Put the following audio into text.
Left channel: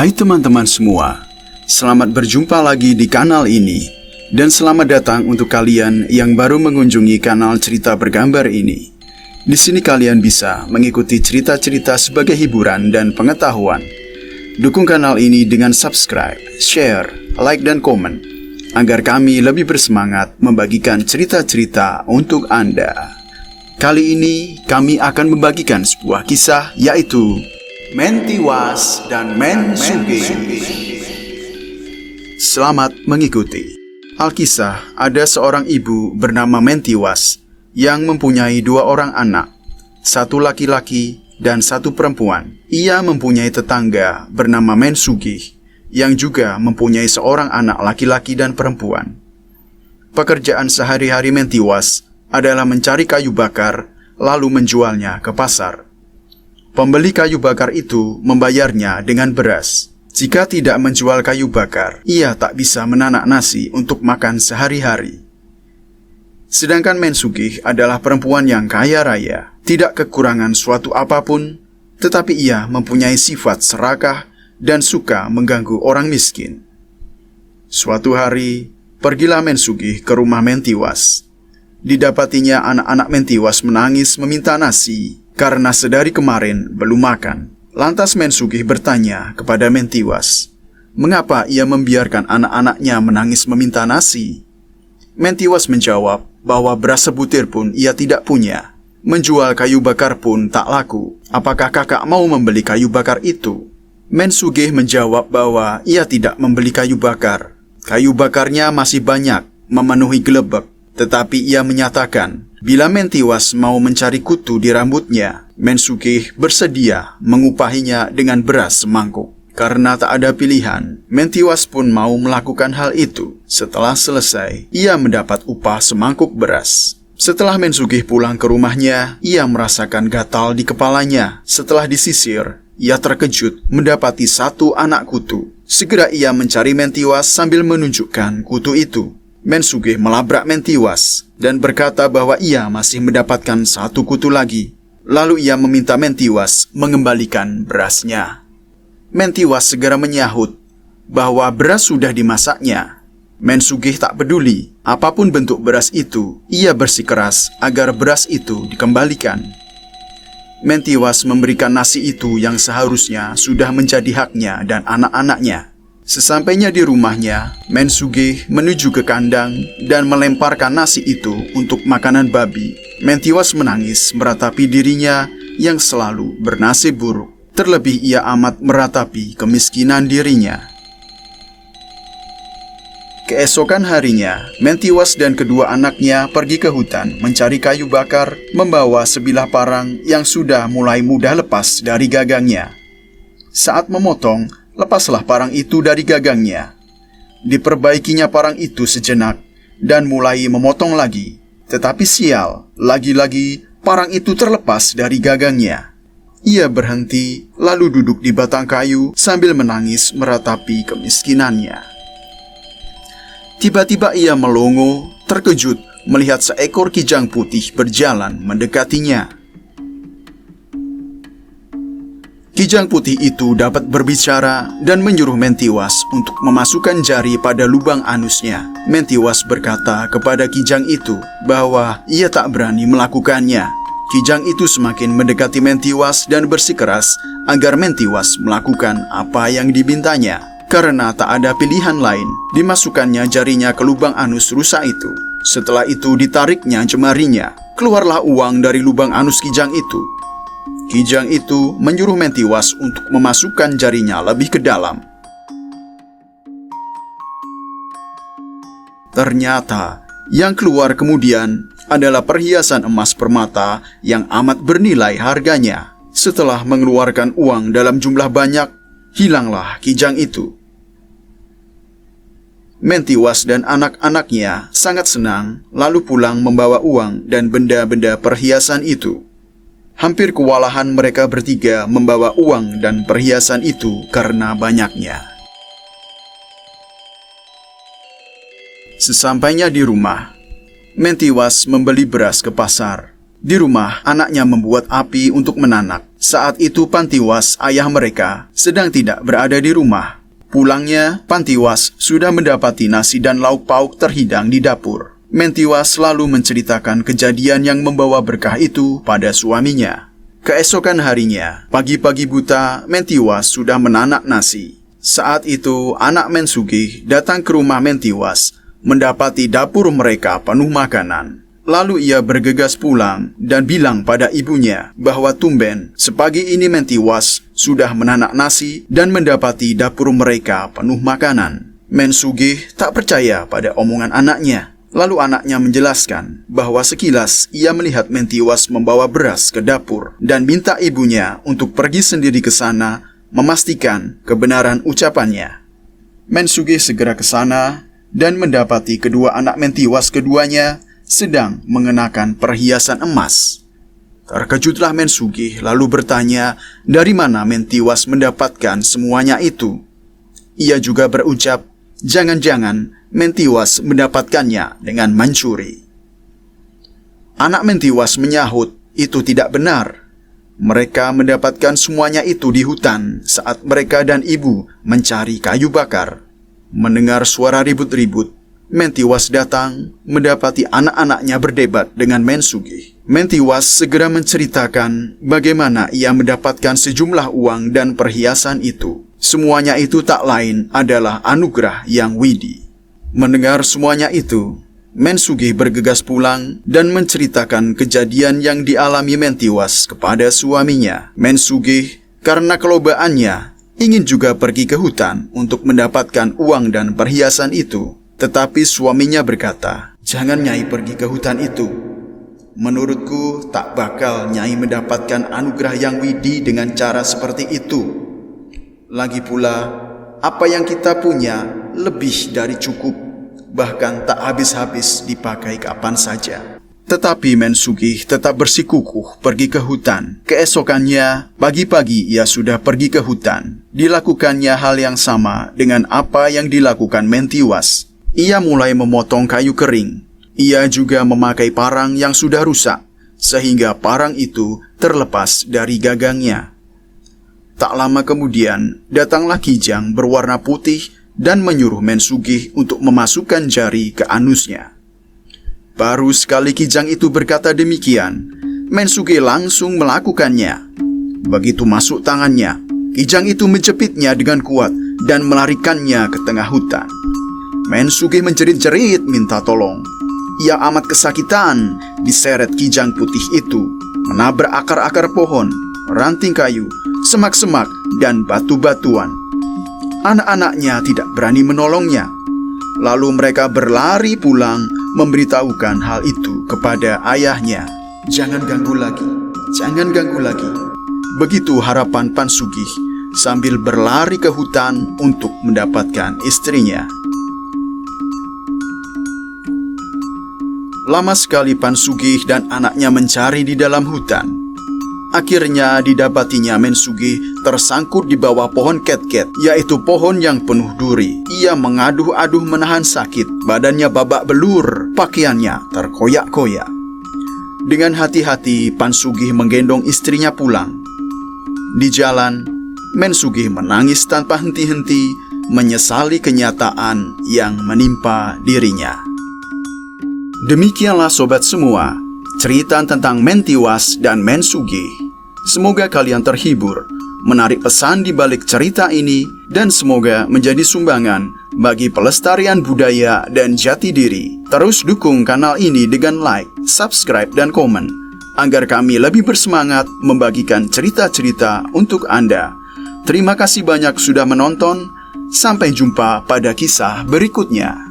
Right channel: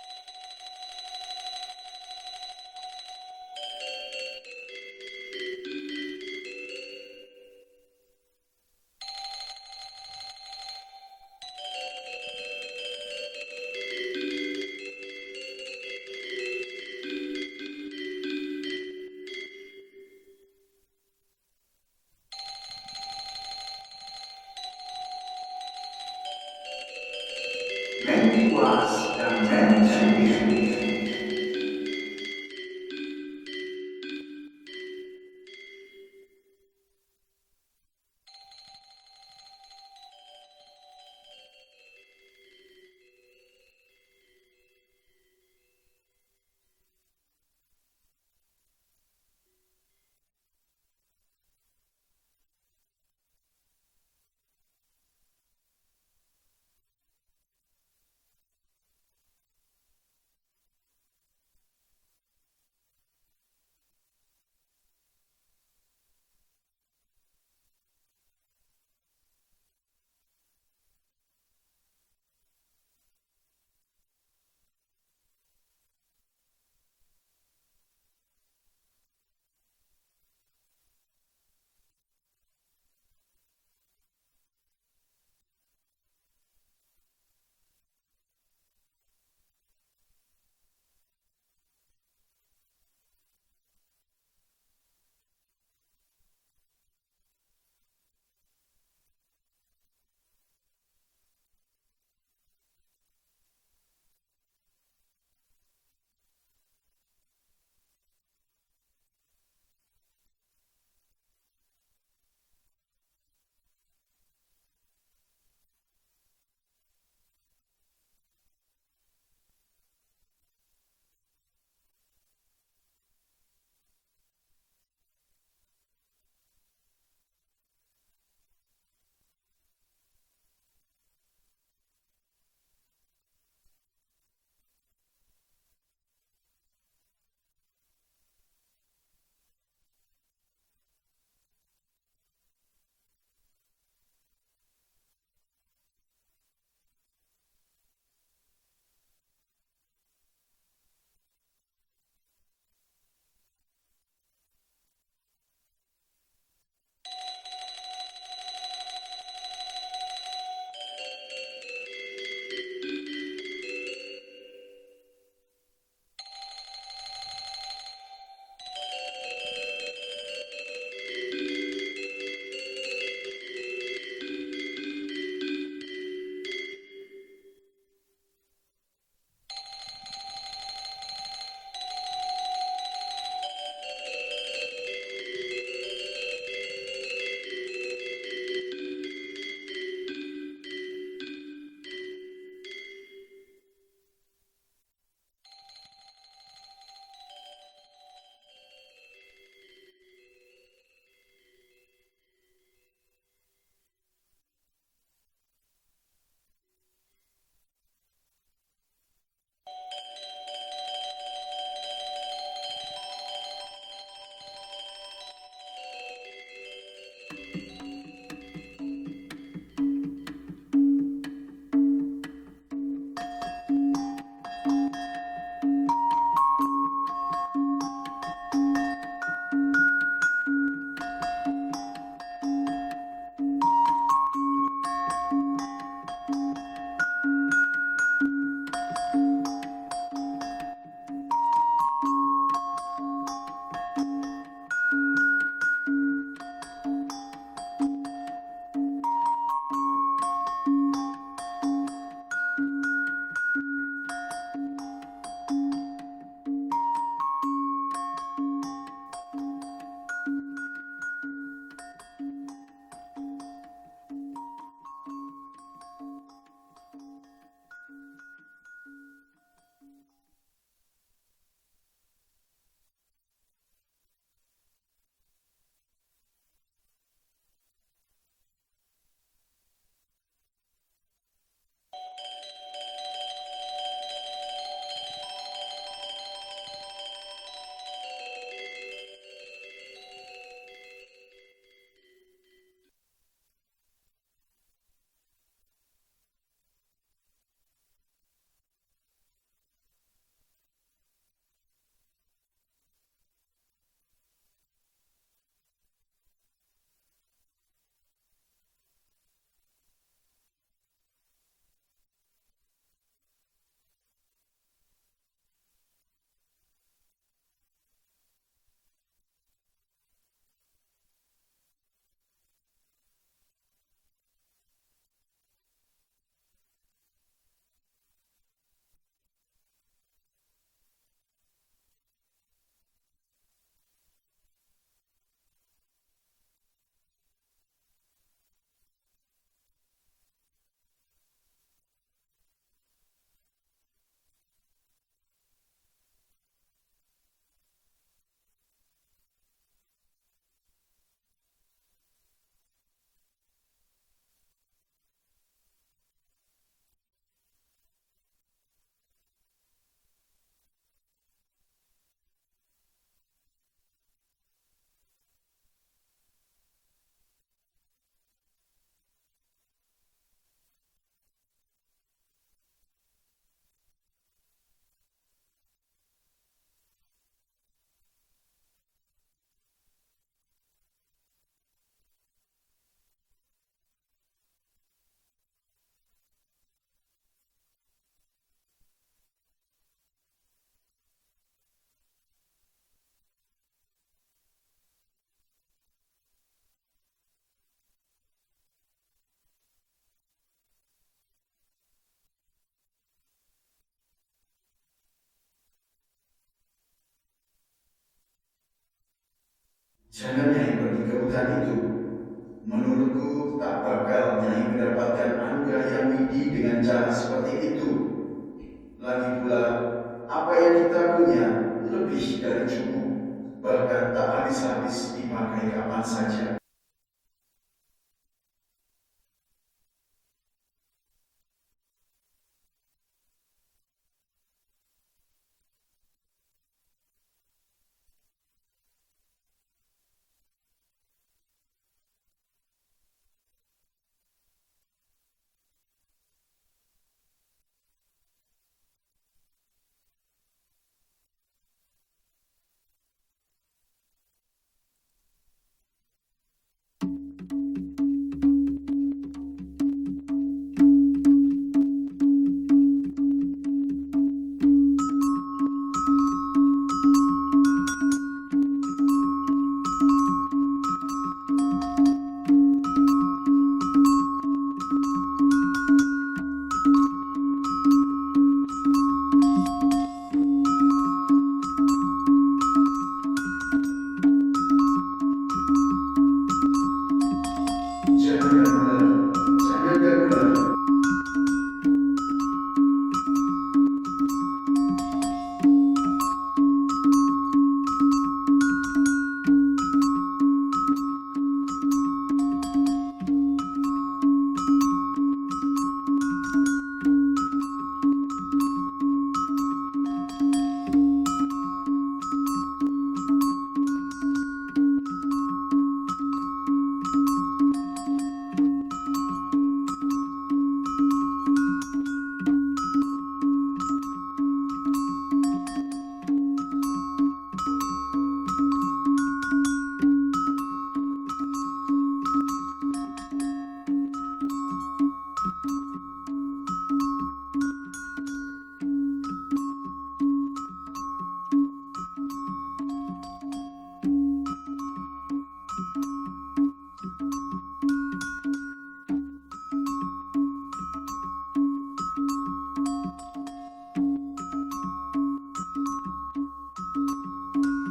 Hai teman-teman semua, selamat berjumpa lagi di kanal ini. Dan selamat datang untuk kalian yang baru mengunjungi kanal cerita bergambar ini. Di sini kalian bisa mengikuti cerita-cerita sebagai hiburan dan pengetahuan. Dukung kanal ini dengan subscribe, share, like, dan komen, agar kami lebih bersemangat membagikan cerita-cerita untuk Anda. Kali ini kami akan membagikan sebuah kisah, yaitu Mentiwas dan Mensuge. Selamat mengikuti. Alkisah, ada seorang ibu bernama Mentiwas yang mempunyai 2 orang anak, 1 laki-laki dan 1 perempuan. Ia mempunyai tetangga bernama Mensuge yang juga mempunyai seorang anak laki-laki dan perempuan. Pekerjaan sehari-hari Mentiwas adalah mencari kayu bakar lalu menjualnya ke pasar. Pembeli kayu bakar itu membayarnya dengan beras. Jika tidak menjual kayu bakar, ia tak bisa menanak nasi untuk makan sehari-hari. Sedangkan Mensuge adalah perempuan yang kaya raya, tidak kekurangan suatu apapun, tetapi ia mempunyai sifat serakah dan suka mengganggu orang miskin. Suatu hari, pergilah Mensuge ke rumah Mentiwas. Didapatinya anak-anak Mentiwas menangis meminta nasi karena sedari kemarin belum makan. Lantas Mensuge bertanya kepada Mentiwas, mengapa ia membiarkan anak-anaknya menangis meminta nasi? Mentiwas menjawab bahwa beras sebutir pun ia tidak punya. Menjual kayu bakar pun tak laku. Apakah kakak mau membeli kayu bakar itu? Mensuge menjawab bahwa ia tidak membeli kayu bakar. Kayu bakarnya masih banyak, memenuhi gelebek. Tetapi ia menyatakan, bila Mentiwas mau mencari kutu di rambutnya, Mensuge bersedia mengupahinya dengan beras semangkuk. Karena tak ada pilihan, Mentiwas pun mau melakukan hal itu. Setelah selesai, ia mendapat upah semangkuk beras. Setelah Mensuge pulang ke rumahnya, ia merasakan gatal di kepalanya. Setelah disisir, ia terkejut mendapati 1 anak kutu. Segera ia mencari Mentiwas sambil menunjukkan kutu itu. Mensuge melabrak Mentiwas dan berkata bahwa ia masih mendapatkan 1 kutu lagi. Lalu ia meminta Mentiwas mengembalikan berasnya. Mentiwas segera menyahut bahwa beras sudah dimasaknya. Mensuge tak peduli apapun bentuk beras itu, ia bersikeras agar beras itu dikembalikan. Mentiwas memberikan nasi itu yang seharusnya sudah menjadi haknya dan anak-anaknya. Sesampainya di rumahnya, Mensuge menuju ke kandang dan melemparkan nasi itu untuk makanan babi. Mentiwas menangis meratapi dirinya yang selalu bernasib buruk. Terlebih ia amat meratapi kemiskinan dirinya. Keesokan harinya, Mentiwas dan kedua anaknya pergi ke hutan mencari kayu bakar, membawa sebilah parang yang sudah mulai mudah lepas dari gagangnya. Saat memotong, lepaslah parang itu dari gagangnya. Diperbaikinya parang itu sejenak dan mulai memotong lagi. Tetapi sial, lagi-lagi parang itu terlepas dari gagangnya. Ia berhenti lalu duduk di batang kayu sambil menangis meratapi kemiskinannya. Tiba-tiba ia melongo, terkejut melihat seekor kijang putih berjalan mendekatinya. Kijang putih itu dapat berbicara dan menyuruh Mentiwas untuk memasukkan jari pada lubang anusnya. Mentiwas berkata kepada kijang itu bahwa ia tak berani melakukannya. Kijang itu semakin mendekati Mentiwas dan bersikeras agar Mentiwas melakukan apa yang dimintanya. Karena tak ada pilihan lain, dimasukkannya jarinya ke lubang anus rusa itu. Setelah itu ditariknya jemarinya. Keluarlah uang dari lubang anus kijang itu. Kijang itu menyuruh Mentiwas untuk memasukkan jarinya lebih ke dalam. Ternyata, yang keluar kemudian adalah perhiasan emas permata yang amat bernilai harganya. Setelah mengeluarkan uang dalam jumlah banyak, hilanglah kijang itu. Mentiwas dan anak-anaknya sangat senang, lalu pulang membawa uang dan benda-benda perhiasan itu. Hampir kewalahan mereka bertiga membawa uang dan perhiasan itu karena banyaknya. Sesampainya di rumah, Mentiwas membeli beras ke pasar. Di rumah, anaknya membuat api untuk menanak. Saat itu Pantiwas, ayah mereka, sedang tidak berada di rumah. Pulangnya, Pantiwas sudah mendapati nasi dan lauk pauk terhidang di dapur. Mentiwas selalu menceritakan kejadian yang membawa berkah itu pada suaminya. Keesokan harinya, pagi-pagi buta, Mentiwas sudah menanak nasi. Saat itu, anak Mensugih datang ke rumah Mentiwas, mendapati dapur mereka penuh makanan. Lalu ia bergegas pulang dan bilang pada ibunya bahwa tumben sepagi ini Mentiwas sudah menanak nasi dan mendapati dapur mereka penuh makanan. Mensugih tak percaya pada omongan anaknya. Lalu anaknya menjelaskan bahwa sekilas ia melihat Mentiwas membawa beras ke dapur dan minta ibunya untuk pergi sendiri ke sana memastikan kebenaran ucapannya. Mensugih segera ke sana dan mendapati kedua anak Mentiwas keduanya sedang mengenakan perhiasan emas. Terkejutlah Mensugih lalu bertanya dari mana Mentiwas mendapatkan semuanya itu. Ia juga berucap, jangan-jangan Mentiwas mendapatkannya dengan mencuri. Anak Mentiwas menyahut, itu tidak benar. Mereka mendapatkan semuanya itu di hutan saat mereka dan ibu mencari kayu bakar. Mendengar suara ribut-ribut, Mentiwas datang, mendapati anak-anaknya berdebat dengan Mensugih. Mentiwas segera menceritakan bagaimana ia mendapatkan sejumlah uang dan perhiasan itu. Semuanya itu tak lain adalah anugerah yang widi. Mendengar semuanya itu, Mensugih bergegas pulang dan menceritakan kejadian yang dialami Mentiwas kepada suaminya. Mensugih, karena kelobaannya, ingin juga pergi ke hutan untuk mendapatkan uang dan perhiasan itu. Tetapi suaminya berkata, jangan Nyai pergi ke hutan itu. Menurutku tak bakal Nyai mendapatkan anugerah yang widi dengan cara seperti itu. Lagi pula, apa yang kita punya lebih dari cukup, bahkan tak habis-habis dipakai kapan saja. Tetapi Mensugih tetap bersikukuh pergi ke hutan. Keesokannya, pagi-pagi ia sudah pergi ke hutan. Dilakukannya hal yang sama dengan apa yang dilakukan Mentiwas. Ia mulai memotong kayu kering. Ia juga memakai parang yang sudah rusak, sehingga parang itu terlepas dari gagangnya. Tak lama kemudian, datanglah kijang berwarna putih dan menyuruh Mensugih untuk memasukkan jari ke anusnya. Baru sekali kijang itu berkata demikian, Mensugih langsung melakukannya. Begitu masuk tangannya, kijang itu menjepitnya dengan kuat dan melarikannya ke tengah hutan. Mensugih menjerit-jerit minta tolong. Ia amat kesakitan diseret kijang putih itu, menabrak akar-akar pohon, ranting kayu, semak-semak, dan batu-batuan. Anak-anaknya tidak berani menolongnya. Lalu mereka berlari pulang memberitahukan hal itu kepada ayahnya. Jangan ganggu lagi, jangan ganggu lagi. Begitu harapan Pansugih sambil berlari ke hutan untuk mendapatkan istrinya. Lama sekali Pansugih dan anaknya mencari di dalam hutan. Akhirnya didapatinya Mensugih tersangkut di bawah pohon ketket, yaitu pohon yang penuh duri. Ia mengaduh-aduh menahan sakit, badannya babak belur, pakaiannya terkoyak-koyak. Dengan hati-hati Pansugih menggendong istrinya pulang. Di jalan, Mensugih menangis tanpa henti-henti, menyesali kenyataan yang menimpa dirinya. Demikianlah sobat semua, cerita tentang Mentiwas dan Mensugih. Semoga kalian terhibur, menarik pesan di balik cerita ini, dan semoga menjadi sumbangan bagi pelestarian budaya dan jati diri. Terus dukung kanal ini dengan like, subscribe, dan komen, agar kami lebih bersemangat membagikan cerita-cerita untuk Anda. Terima kasih banyak sudah menonton, sampai jumpa pada kisah berikutnya.